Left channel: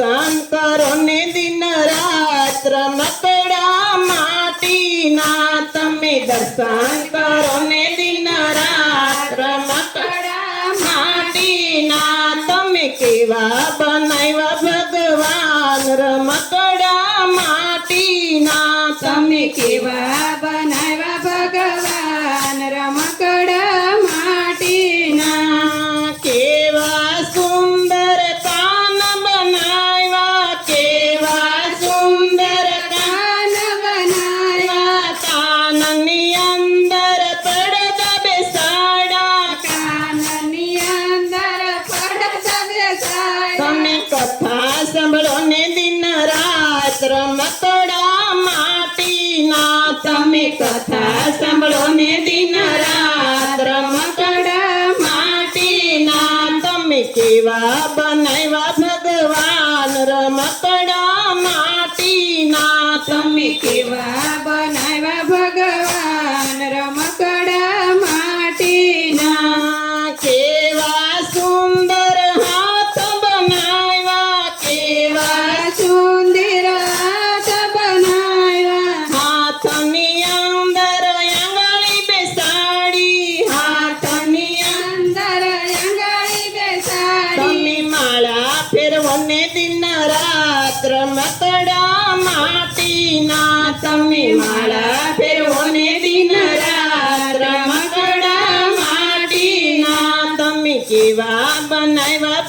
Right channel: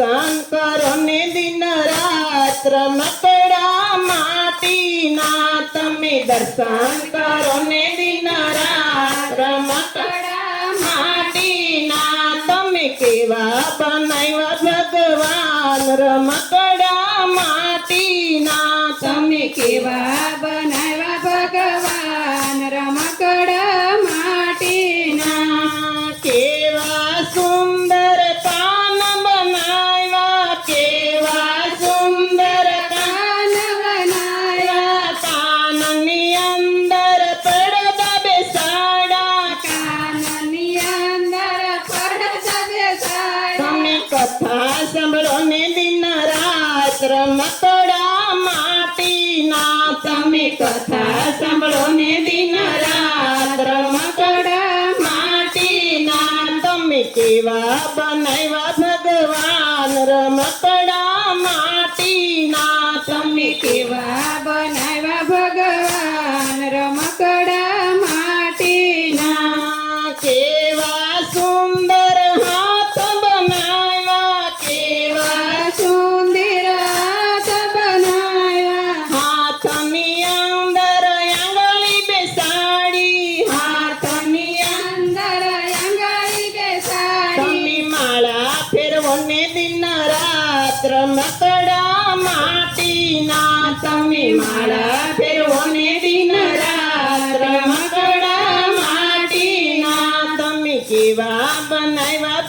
દર્શન કરો ને દિન રાત રમકડા માટીના તમે દર્શન કરો ને દિન રાત રમકડા માટીના તમે કેવા બનાવ્યા ભગવાન રમકડા માટીના તમે કેવા બનાવ્યા ભગવાન રમકડા માટીના કેવા સુંદર કાન બનાવ્યા કેવા સુંદર કાન બનાવ્યા કાનની અંદર પડદા બેસાડા કાનની અંદર પડદા બેસાડ્યા તમે કથા સાંભળો ને દિન રાત રમકડા માટીના તમે કથા સાંભળો ને દિન રાત રમકડા માટીના તમે કેવા બનાવ્યા ભગવાન રમકડા માટીના તમે કેવા બનાવ્યા ભગવાન રમકડા માટીના કેવા સુંદર હાથ બનાવ્યા કેવા સુંદર હાથ બનાવ્યા હાથની અંદર આંગળી બેસાડી હાથની અંદર આંગળી બેસાડી તમે માળા ફેરવો ને દિન રાત રમકડા માટીના તમે માળા ફેરવો ને દિન રાત રમકડા માટીના તમે કેવા બનાવ્યા